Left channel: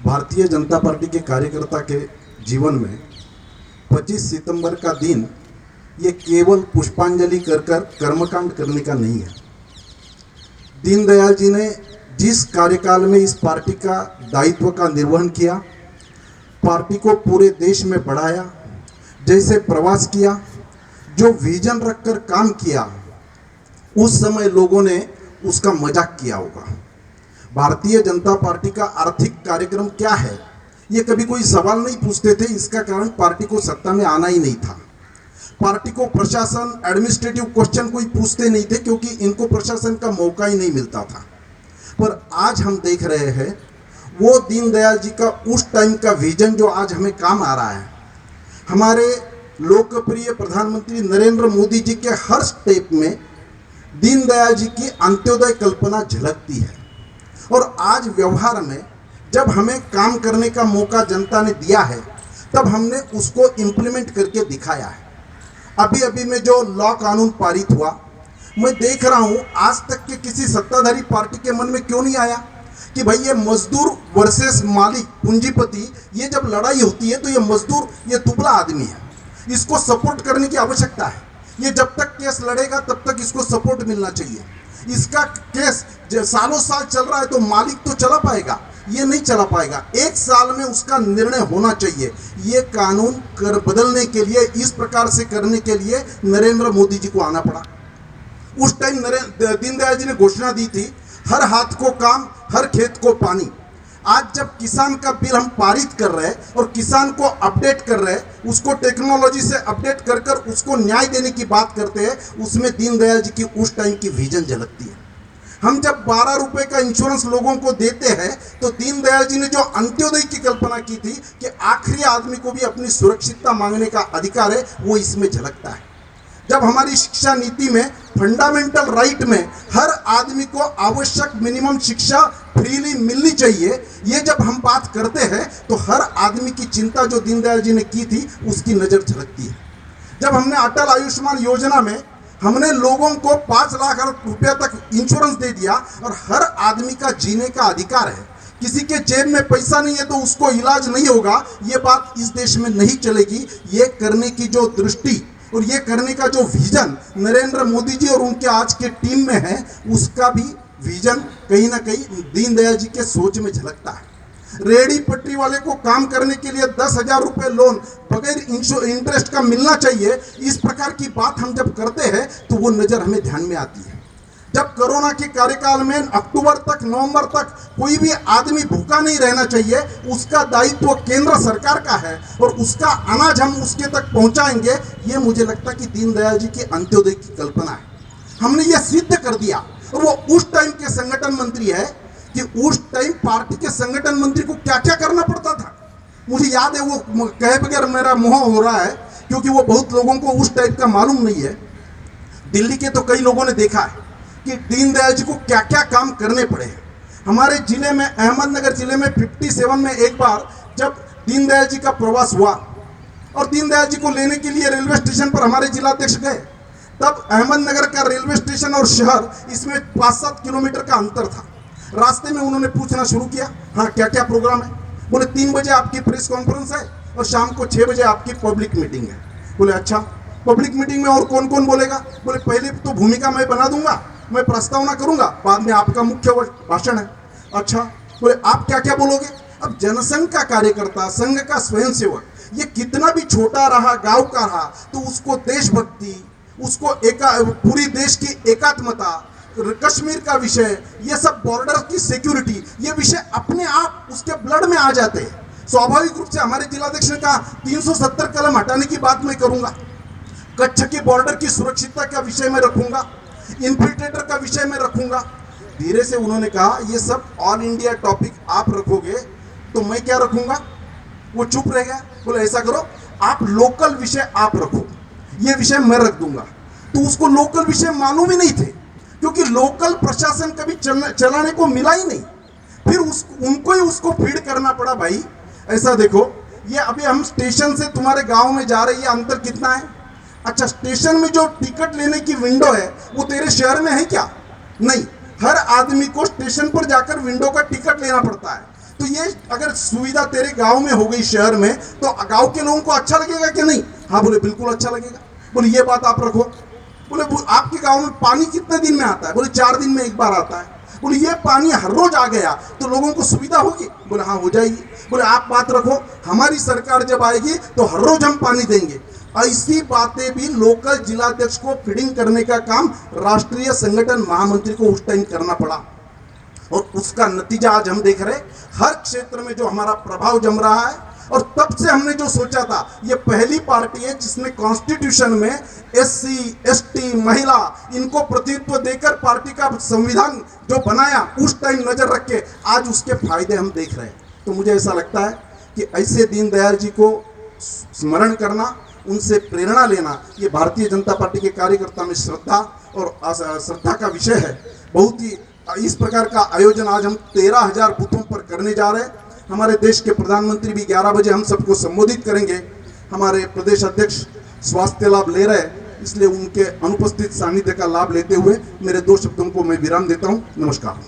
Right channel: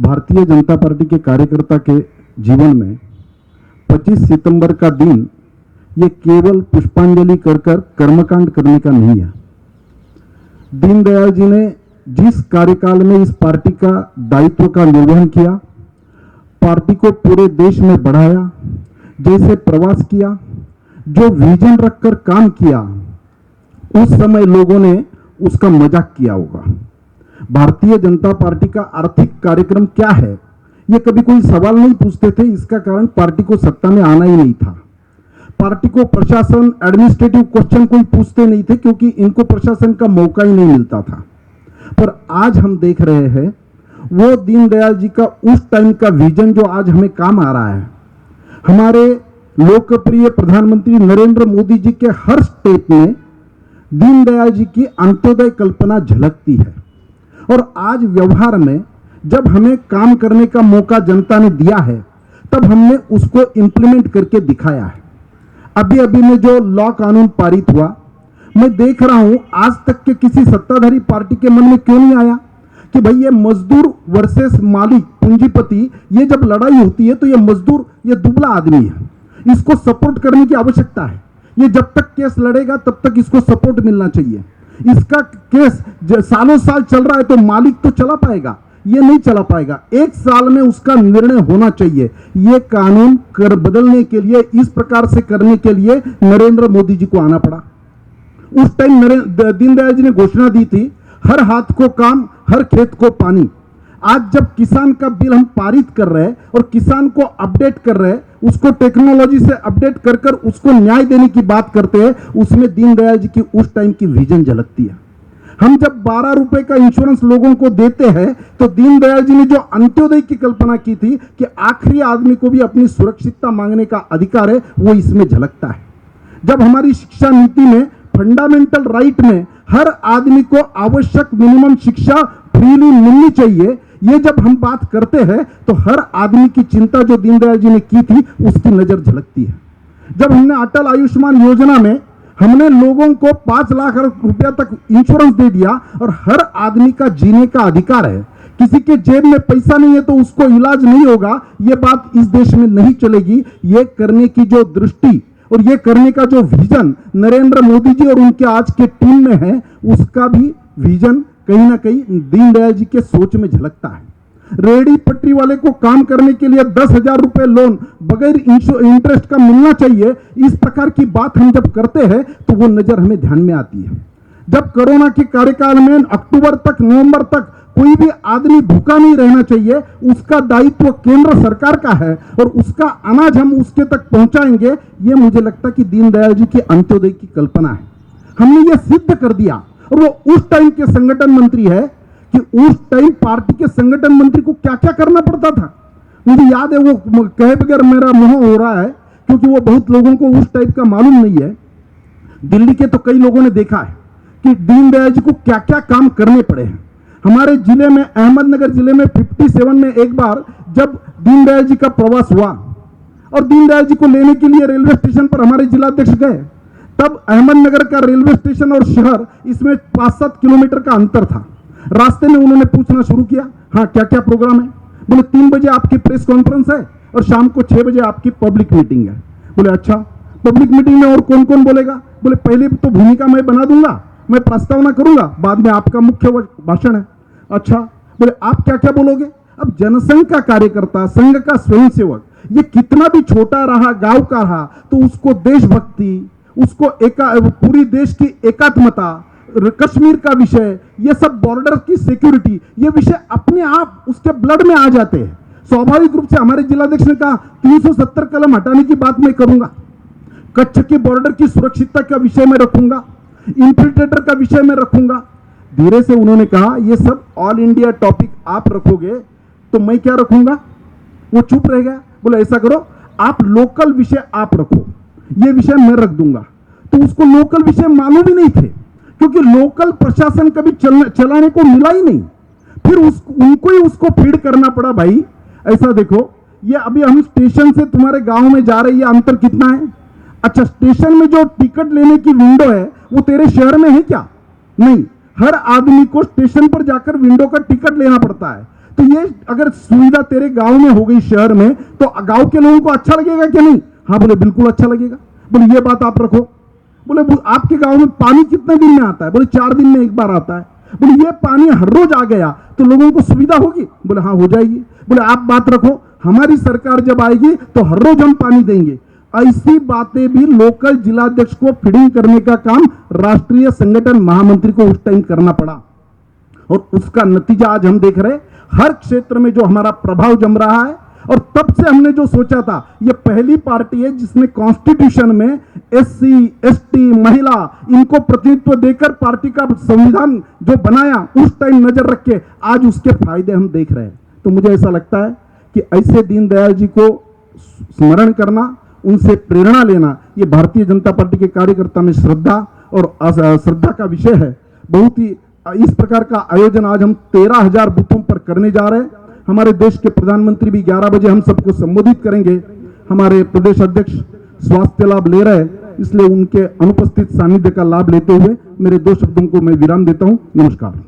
Bharatiya Janata party के कार्यकर्ता के जीवन में 25 सितंबर का दिन ये केवल पुष्पांजलि कर कर्मकांड करने का नहीं है। दीनदयाल जी ने जिस कार्यकाल में इस पार्टी का दायित्व का निर्वहन किया, पार्टी को पूरे देश में बढ़ाया, जैसे प्रवास किया, जो विजन रखकर काम किया, उस समय लोगों ने उसका मजाक किया होगा। भारतीय जनता पार्टी का आर्थिक कार्यक्रम क्या है, ये कभी कोई सवाल नहीं पूछते थे। इसका कारण पार्टी को सत्ता में आना ही नहीं था। पार्टी को प्रशासन, एडमिनिस्ट्रेटिव क्वेश्चन कोई पूछते नहीं थे, क्योंकि इनको प्रशासन का मौका ही नहीं मिलता था। पर आज हम देख रहे हैं वो दीनदयाल जी का उस टाइम का विजन जो आज हमें काम आ रहा है। हमारे लोकप्रिय प्रधानमंत्री नरेंद्र मोदी जी के हर स्टेप में दीनदयाल जी की अंत्योदय कल्पना झलकती है। और आज व्यवहार में जब हमें काम करने का मौका जनता ने दिया है, तब हमने उसको इंप्लीमेंट करके दिखाया है। अभी अभी में जो लॉ कानून पारित हुआ, मैं देख रहा हूं आज तक के किसी सत्ताधारी पार्टी के मन में क्यों नहीं आया कि भाई ये मजदूर वर्सेस मालिक, पूंजीपति, ये जब लड़ाई होती है तो ये मजदूर, ये दुबला आदमी है, इसको सपोर्ट करने की आवश्यकता है। ये जब तक केस लड़ेगा तब तक इसको सपोर्ट मिलना चाहिए। इसका केस सालों साल चल रहा है तो मालिक तो चला पाएगा, ये नहीं चला पाएगा। एक साल में उसका निर्णय होना चाहिए। ये कानून कर बदलने के लिए, इस प्रकार से करने के लिए नरेंद्र मोदी जी को आना पड़ा। उस टाइम दीनदयाल जी ने घोषणा दी थी, हर हाथ को काम, हर खेत को पानी। आज जब किसान का बिल हम पारित कर रहे हैं और किसान को अपडेट कर रहे हैं, उसको टेक्नोलॉजी से अपडेट कर कर उसको न्याय देने की बात करते हैं, उसमें दीनदयाल जी की उस टाइम की विजन झलकती है। हम जब 12 रुपए का इंश्योरेंस लोगों को देते हैं, तो दीनदयाल जी ने जो अंत्योदय की कल्पना की थी कि आखिरी आदमी को भी अपनी सुरक्षितता मांगने का अधिकार है, वो इसमें झलकता है। जब हमारी शिक्षा नीति में फंडामेंटल राइट में हर आदमी को आवश्यक मिनिमम शिक्षा फ्रीली मिलनी चाहिए, ये जब हम बात करते हैं तो हर आदमी की चिंता जो दीनदयाल जी ने की थी उसकी नजर झलकती है। जब हमने अटल आयुष्मान योजना में हमने लोगों को 5 लाख रुपया तक इंश्योरेंस दे दिया और हर आदमी का जीने का अधिकार है, किसी के जेब में पैसा नहीं है तो उसको इलाज नहीं होगा, ये बात इस देश में नहीं चलेगी। ये करने की जो दृष्टि और ये करने का जो विजन नरेंद्र मोदी जी और उनके आज के टीम में है, उसका भी विजन कहीं ना कहीं दीनदयाल जी के सोच में झलकता है। रेहड़ी पटरी वाले को काम करने के लिए 10,000 रुपए लोन बगैर इंटरेस्ट का मिलना चाहिए, इस प्रकार की बात हम जब करते हैं तो वो नजर हमें ध्यान में आती है। जब कोरोना के कार्यकाल में अक्टूबर तक, नवंबर तक कोई भी आदमी भूखा नहीं रहना चाहिए, उसका दायित्व केंद्र सरकार का है और उसका अनाज हम उसके तक पहुंचाएंगे, ये मुझे लगता है कि दीनदयाल जी के अंत्योदय की कल्पना है। हमने ये सिद्ध कर दिया। और वो उस टाइम के संगठन मंत्री है कि उस टाइम पार्टी के संगठन मंत्री को क्या क्या करना पड़ता था। मुझे याद है, वो कहे बगैर मेरा मोह हो रहा है, क्योंकि वो बहुत लोगों को उस टाइप का मालूम नहीं है। दिल्ली के तो कई लोगों ने देखा है कि दीनदयाल जी को क्या क्या काम करने पड़े हैं। हमारे जिले में, अहमदनगर जिले में 57 में एक बार जब दीनदयाल जी का प्रवास हुआ और दीनदयाल जी को लेने के लिए रेलवे स्टेशन पर हमारे जिलाध्यक्ष गए, तब अहमदनगर का रेलवे स्टेशन और शहर, इसमें 5-7 किलोमीटर का अंतर था। रास्ते में उन्होंने पूछना शुरू किया, हाँ क्या क्या प्रोग्राम है। बोले 3 बजे आपकी प्रेस कॉन्फ्रेंस है और शाम को 6 बजे आपकी पब्लिक मीटिंग है। बोले अच्छा, पब्लिक मीटिंग में और कौन कौन बोलेगा। बोले पहले तो भूमिका मैं बना दूंगा, मैं प्रस्तावना करूंगा, बाद में आपका मुख्य भाषण है। अच्छा, बोले आप क्या क्या बोलोगे। अब जनसंघ का कार्यकर्ता, संघ का स्वयंसेवक, ये कितना भी छोटा रहा, गांव का रहा, तो उसको देशभक्ति, उसको पूरी देश की एकात्मता, कश्मीर का विषय, ये सब बॉर्डर की सिक्योरिटी, ये विषय अपने आप उसके ब्लड में आ जाते हैं। स्वाभाविक रूप से हमारे जिलाध्यक्ष ने कहा 370 कलम हटाने की बात मैं करूंगा, कच्छ की बॉर्डर की सुरक्षितता का विषय में रखूंगा, इन्फिल्ट्रेटर का विषय में रखूंगा। धीरे से उन्होंने कहा ये सब ऑल इंडिया टॉपिक आप रखोगे तो मैं क्या रखूंगा। वो चुप रह गया। बोले ऐसा करो, आप लोकल विषय आप रखो, ये विषय मैं रख दूंगा। तो उसको लोकल विषय मालूम ही नहीं थे, क्योंकि लोकल प्रशासन कभी चलाने को मिला ही नहीं। फिर उनको ही उसको फीड करना पड़ा। भाई ऐसा देखो, ये अभी हम स्टेशन से तुम्हारे गांव में जा रहे हैं, अंतर कितना है। अच्छा, स्टेशन में जो टिकट लेने की विंडो है वो तेरे शहर में है क्या? नहीं, हर आदमी को स्टेशन पर जाकर विंडो का टिकट लेना पड़ता है। तो ये अगर सुविधा तेरे गांव में हो गई, शहर में, तो गांव के लोगों को अच्छा लगेगा कि नहीं? हाँ बोले बिल्कुल अच्छा लगेगा। बोले ये बात आप रखो। बोले आपके गांव में पानी कितने दिन में आता है? बोले 4 दिन में एक बार आता है। बोले ये पानी हर रोज आ गया तो लोगों को सुविधा होगी? बोले हाँ हो जाएगी। बोले आप बात रखो, हमारी सरकार जब आएगी तो हर रोज हम पानी देंगे। ऐसी बातें भी लोकल जिलाध्यक्ष को फीडिंग करने का काम राष्ट्रीय संगठन महामंत्री को उस टाइम करना पड़ा, और उसका नतीजा आज हम देख रहे हैं। हर क्षेत्र में जो हमारा प्रभाव जम रहा है, और तब से हमने जो सोचा था, ये पहली पार्टी है जिसने कॉन्स्टिट्यूशन में एससी, एसटी, महिला, इनको प्रतिनिधित्व देकर पार्टी का संविधान जो बनाया उस टाइम नजर रख के आज उसके फायदे हम देख रहे हैं। तो मुझे ऐसा लगता है कि ऐसे दीनदयाल जी को स्मरण करना, उनसे प्रेरणा लेना, ये भारतीय जनता पार्टी के कार्यकर्ता में श्रद्धा और श्रद्धा का विषय है। बहुत ही इस प्रकार का आयोजन आज हम 13,000 बूथों पर करने जा रहे हैं। हमारे देश के प्रधानमंत्री भी 11 बजे हम सबको संबोधित करेंगे। हमारे प्रदेश अध्यक्ष स्वास्थ्य लाभ ले रहे हैं, इसलिए उनके अनुपस्थित सानिध्य का लाभ लेते हुए मेरे 2 शब्दों को मैं विराम देता हूं। नमस्कार।